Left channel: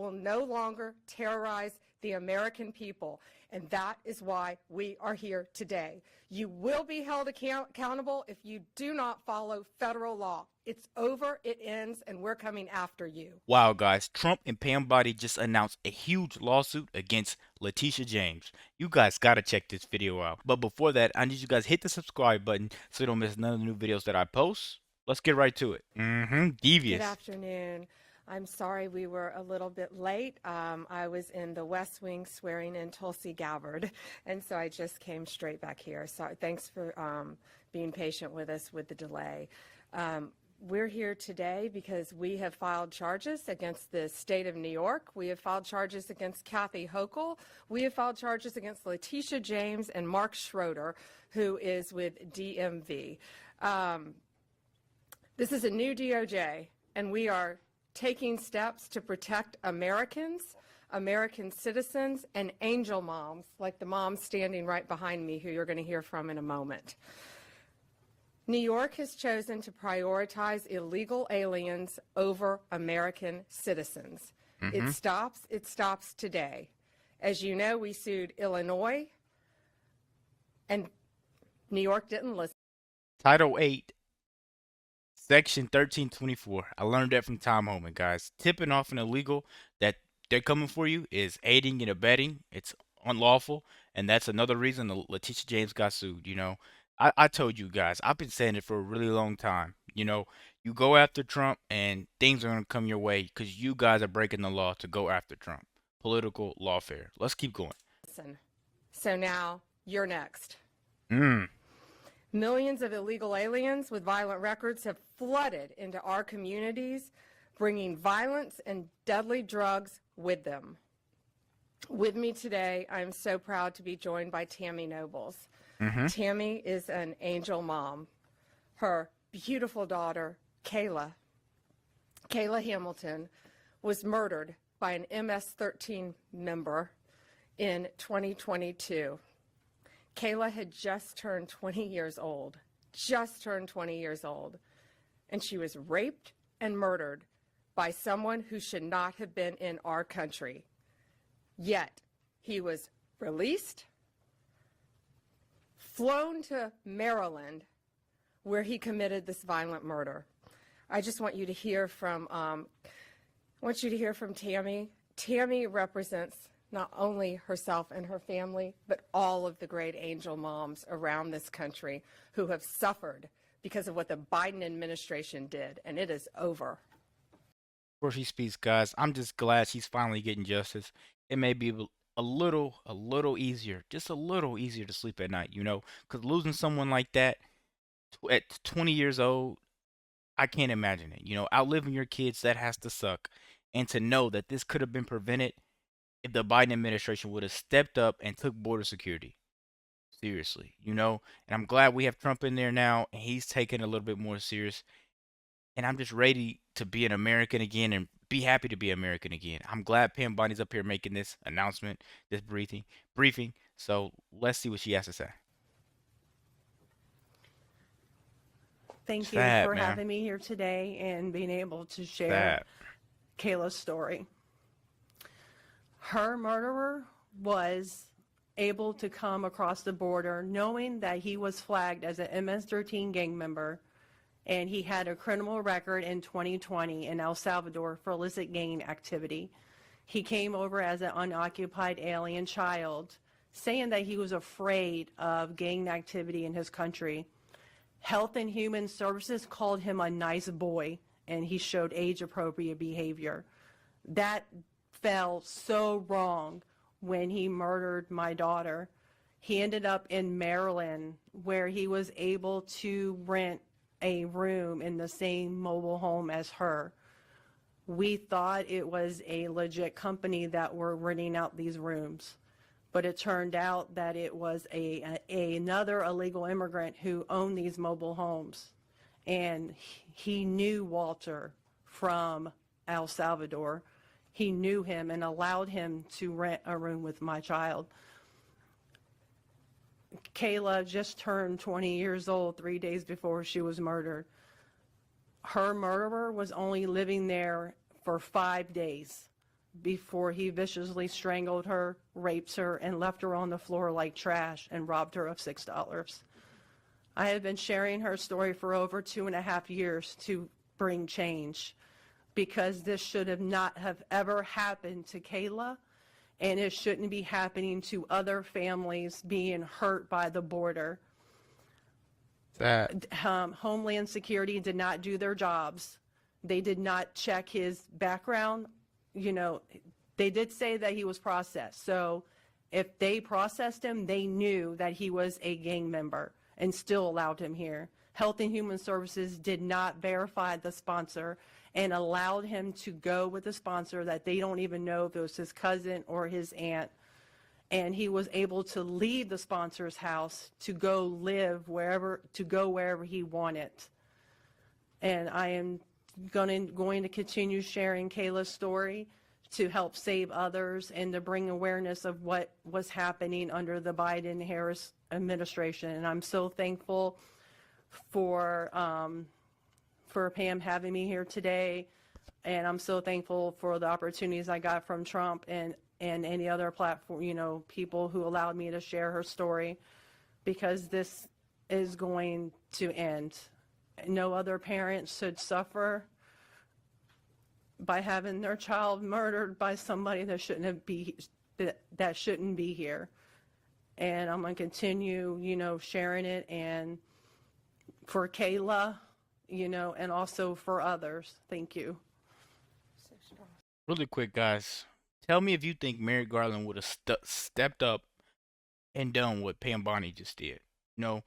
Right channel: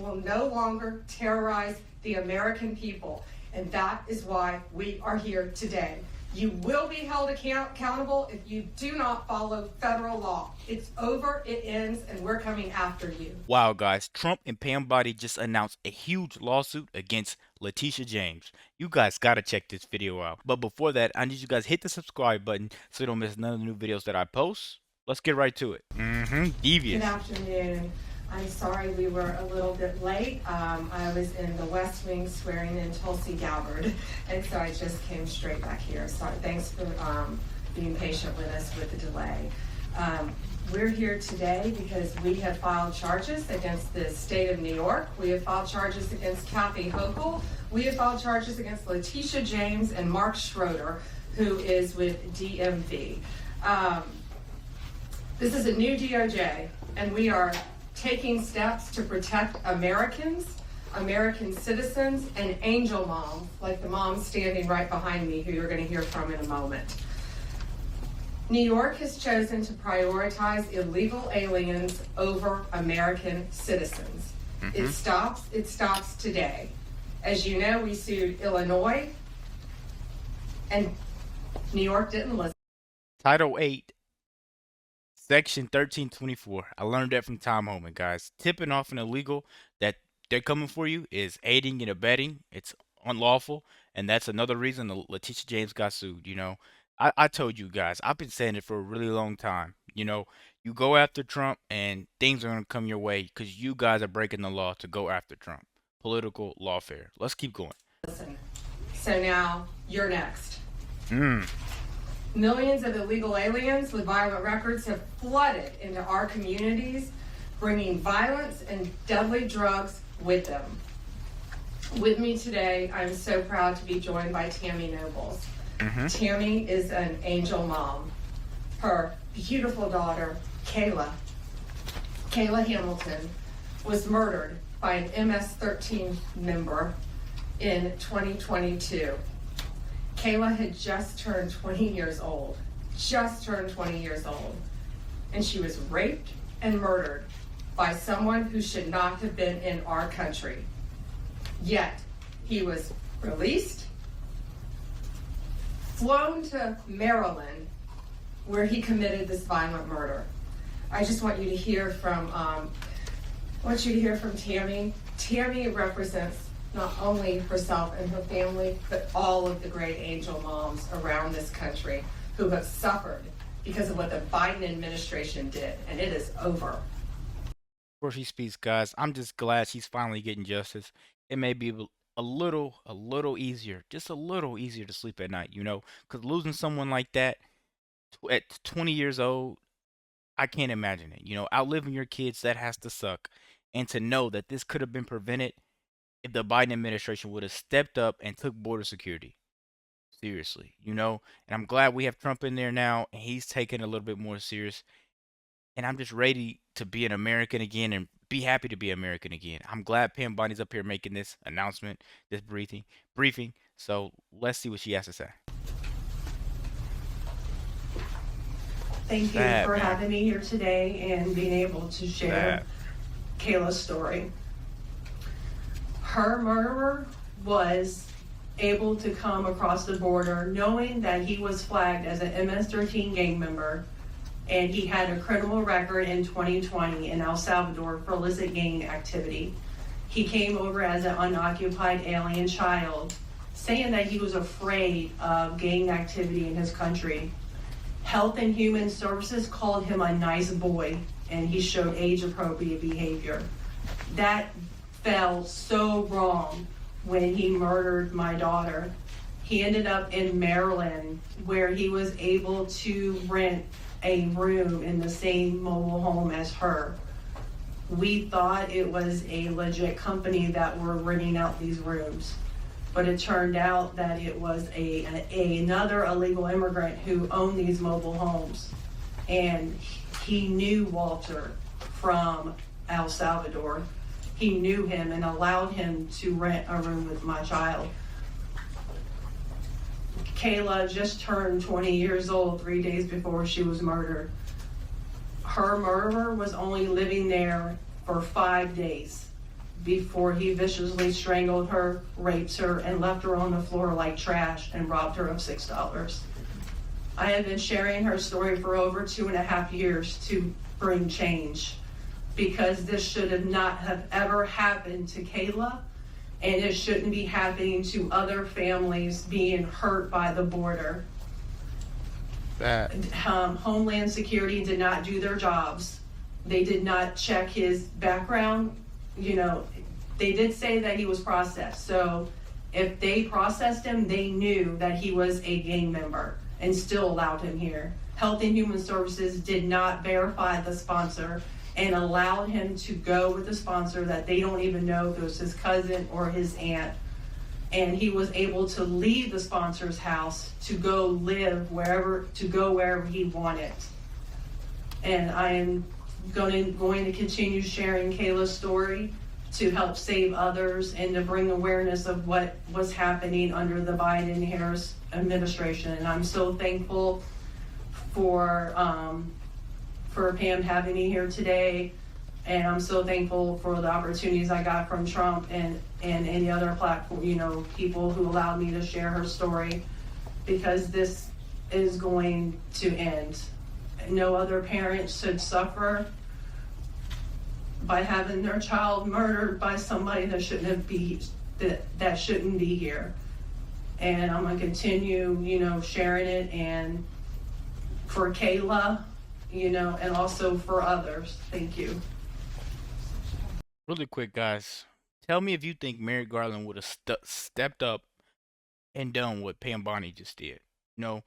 will no longer terrorize the American people. And that is why we are here today. You will be held accountable if you do not follow federal law. It's over, it ends, and we're coming after you. Wow, guys, Trump and Pam Bondi just announced a huge lawsuit against Letitia James. You guys gotta check this video out. But before that, I need you guys to hit the subscribe button so you don't miss none of the new videos that I post. Let's get right to it. Devious. Good afternoon. I'm sorry we were a little bit late. I was in the West Wing swearing in Tulsi Gabbard, and so I just came straight back here. So thanks for being patient with us with the delay. We're here today because we have filed charges against the state of New York. We have filed charges against Kathy Hochul. We have filed charges against Letitia James and Mark Schroeder, who is with DMV. This is a new DOJ, and we are taking steps to protect Americans, American citizens, and angel moms, like the mom standing right behind me, who you're going to hear from in a moment. New York has chosen to prioritize illegal aliens over American citizens. It stops today. As you know, we sued Illinois, and New York didn't listen. Title 8, Section 1324. I learned that from Tom Homan, guys. Tipping off an illegal that they're coming for you is aiding and abetting. It's unlawful, and that's another reason Letitia James got sued. You know, I told you guys, I've been saying it for a really long time. You know, you go after Trump and things are going to come your way because you guys are breaking the law to go after Trump. Political lawfare. Let's keep going. Listen. So now you're next. Millions of illegal aliens with violent records have flooded into our communities, bringing violence and deadly drugs with them. With me today, I'm so proud to be joined by Tammy Nobles. Tammy is an angel mom. Her beautiful daughter, Kayla Hamilton, was murdered by an MS-13 member in 2022. Kayla had just turned 20 years old, and she was raped and murdered by someone who should not have been in our country. Yet, he was released, flown to Maryland, where he committed this violent murder. I just want you to hear from, Tammy. Tammy represents not only herself and her family, but all of the great angel moms around this country who have suffered because of what the Biden administration did, and it is over. Before she speaks, guys, I'm just glad she's finally getting justice. It may be a little easier, just a little easier to sleep at night, you know, because losing someone like that at 20 years old, I can't imagine it. You know, outliving your kids, that has to suck. And to know that this could have been prevented if the Biden administration would have stepped up and took border security seriously, you know. And I'm glad we have Trump in there now, and he's taking it a little bit more serious. And I'm just ready to be an American again and be happy to be American again. I'm glad Pam Bondi's up here making this announcement, this briefing. So let's see what she has to say. Thank you for having me here today and being able to share Kayla's story. Her murderer was able to come across the border knowing that he was flagged as an MS-13 gang member, and he had a criminal record in 2020 in El Salvador for illicit gang activity. He came over as an unoccupied alien child, saying that he was afraid of gang activity in his country. Health and Human Services called him a nice boy, and he showed age-appropriate behavior. That fell so wrong when he murdered my daughter. He ended up in Maryland, where he was able to rent a room in the same mobile home as her. We thought it was a legit company that were renting out these rooms, but it turned out that it was another illegal immigrant who owned these mobile homes, and he knew Walter from El Salvador. He knew him and allowed him to rent a room with my child. Kayla just turned 20 years old 3 days before she was murdered. Her murderer was only living there for 5 days. before he viciously strangled her, raped her, and left her on the floor like trash and robbed her of $6. I have been sharing her story for over 2.5 years to bring change, because this should have not have ever happened to Kayla, and it shouldn't be happening to other families being hurt by the border. That Homeland Security did not do their jobs. They did not check his background. You know, they did say that he was processed. So if they processed him, they knew that he was a gang member and still allowed him here. Health and Human Services did not verify the sponsor and allowed him to go with a sponsor that they don't even know if it was his cousin or his aunt. And he was able to leave the sponsor's house to go live wherever he wanted. And I am going to continue sharing Kayla's story to help save others and to bring awareness of what was happening under the Biden-Harris administration. And I'm so thankful for Pam having me here today. And I'm so thankful for the opportunities I got from Trump and any other platform, people who allowed me to share her story, because this is going to end. No other parent should suffer by having their child murdered by somebody that shouldn't be here. And I'm gonna continue, sharing it, and for Kayla, and also for others. Thank you. really quick, guys. Tell me if you think Merrick Garland would have stepped up and done what Pam Bondi just did. You know,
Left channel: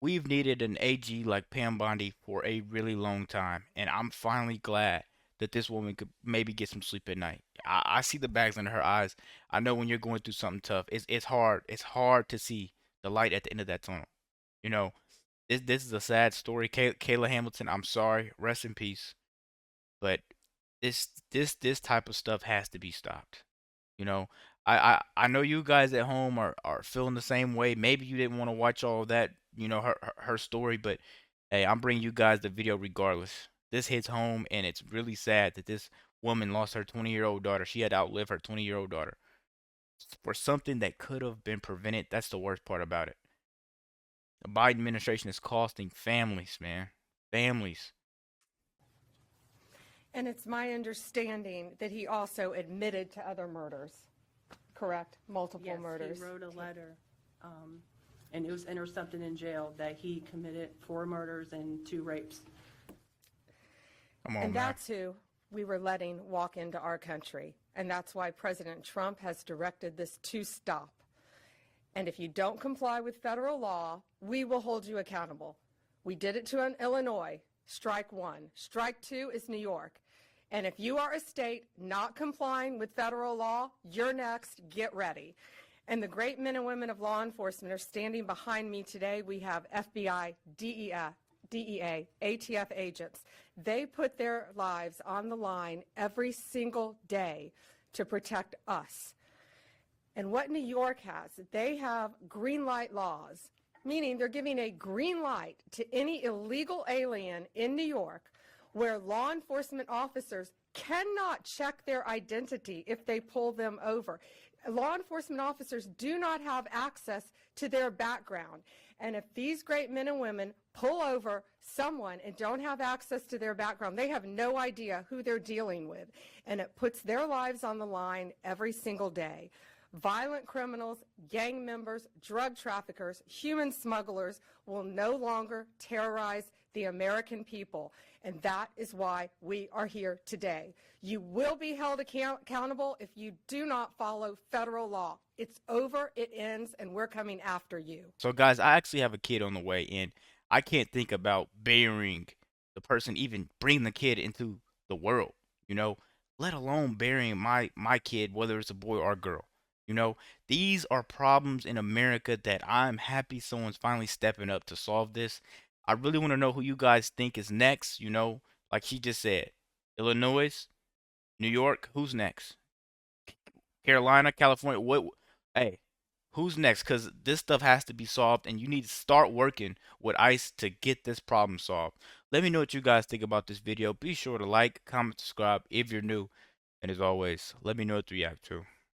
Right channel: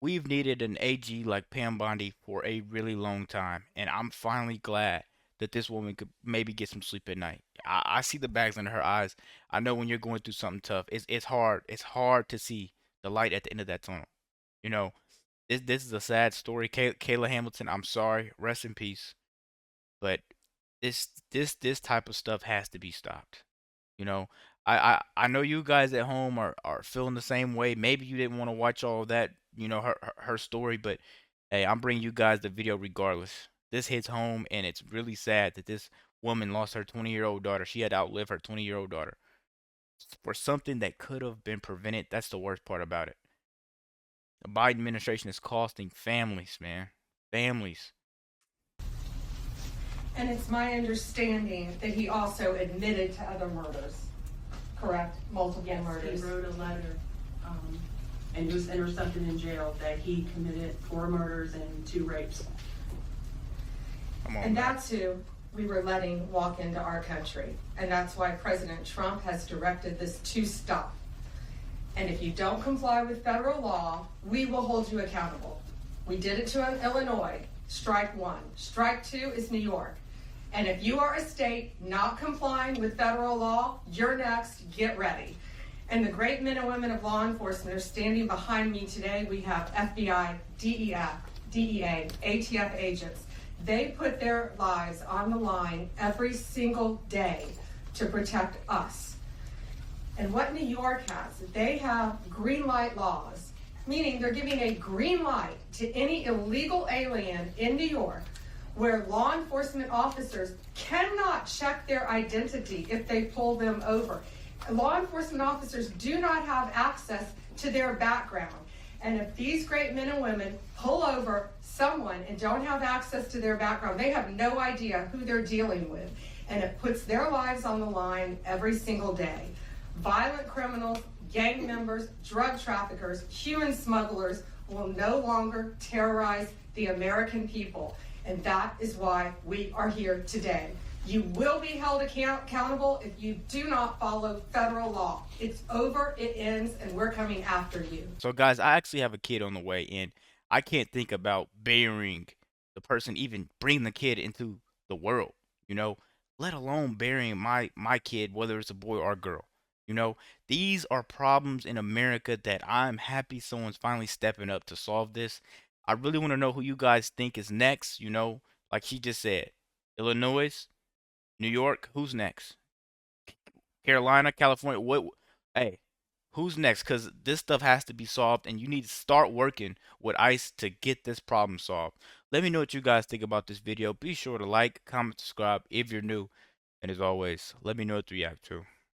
we've needed an AG like Pam Bondi for a really long time, and I'm finally glad that this woman could maybe get some sleep at night. I see the bags under her eyes. I know when you're going through something tough, it's hard. It's hard to see the light at the end of that tunnel. You know, this is a sad story. Kayla Hamilton, I'm sorry. Rest in peace. But this type of stuff has to be stopped. You know, I know you guys at home are feeling the same way. Maybe you didn't want to watch all of that, her story, but hey, I'm bringing you guys the video regardless. This hits home, and it's really sad that this woman lost her 20-year-old daughter. She had to outlive her 20-year-old daughter for something that could have been prevented. That's the worst part about it. The Biden administration is costing families, man. Families. And it's my understanding that he also admitted to other murders, correct? Multiple Yes, murders. he wrote a letter, and it was intercepted in jail, that he committed 4 murders and 2 rapes. Come on, And man. that's who we were letting walk into our country. And that's why President Trump has directed this to stop. And if you don't comply with federal law, we will hold you accountable. We did it to Illinois, strike 1. Strike 2 is New York. And if you are a state not complying with federal law, you're next, get ready. And the great men and women of law enforcement are standing behind me today. We have FBI, DEA, ATF agents. They put their lives on the line every single day to protect us. And what New York has, they have green light laws, meaning they're giving a green light to any illegal alien in New York, where law enforcement officers cannot check their identity if they pull them over. Law enforcement officers do not have access to their background. And if these great men and women pull over someone and don't have access to their background, they have no idea who they're dealing with. And it puts their lives on the line every single day. Violent criminals, gang members, drug traffickers, human smugglers will no longer terrorize the American people. And that is why we are here today. You will be held accountable if you do not follow federal law. It's over, it ends, and we're coming after you. So, guys, I actually have a kid on the way, and I can't think about burying the person, even bringing the kid into the world, you know, let alone burying my kid, whether it's a boy or a girl. These are problems in America that I'm happy someone's finally stepping up to solve this. I really want to know who you guys think is next, like she just said. Illinois, New York, who's next? Carolina, California, what? Hey, who's next? Because this stuff has to be solved, and you need to start working with ICE to get this problem solved. Let me know what you guys think about this video. Be sure to like, comment, subscribe if you're new. And as always, let me know what you react to.